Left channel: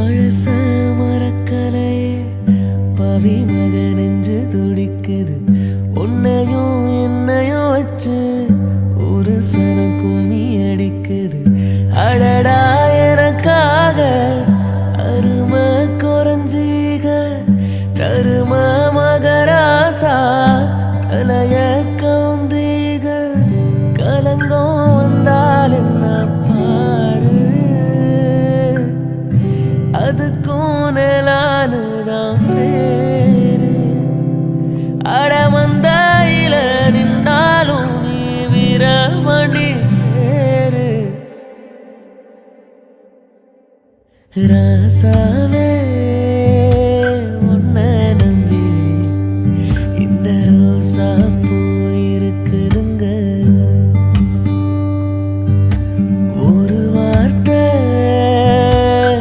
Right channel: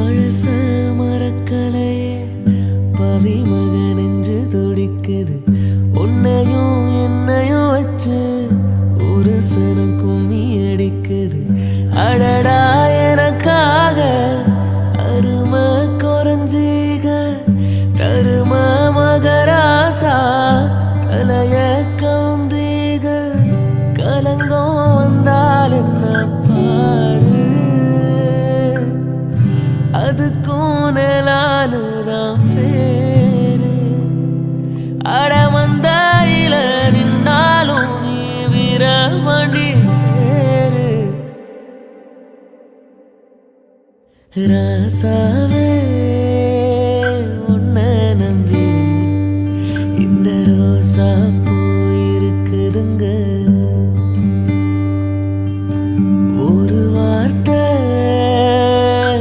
பழச மறக்கலையே பவி மக நெஞ்சு துடிக்குது உன்னையும் என்னையும் வச்சு ஒரு சனம் கும்மி அடிக்குது அடடா எனக்காக அருமை குறைஞ்சீக தரும மகராசா தலைய கவுந்தீக கலங்கம் வந்தால் என்ன பாரு அதுக்கும் நிலானுதான் பேரு அடமந்தையில நின்னாலும் நீ வீரமணி பேரு ராசாவே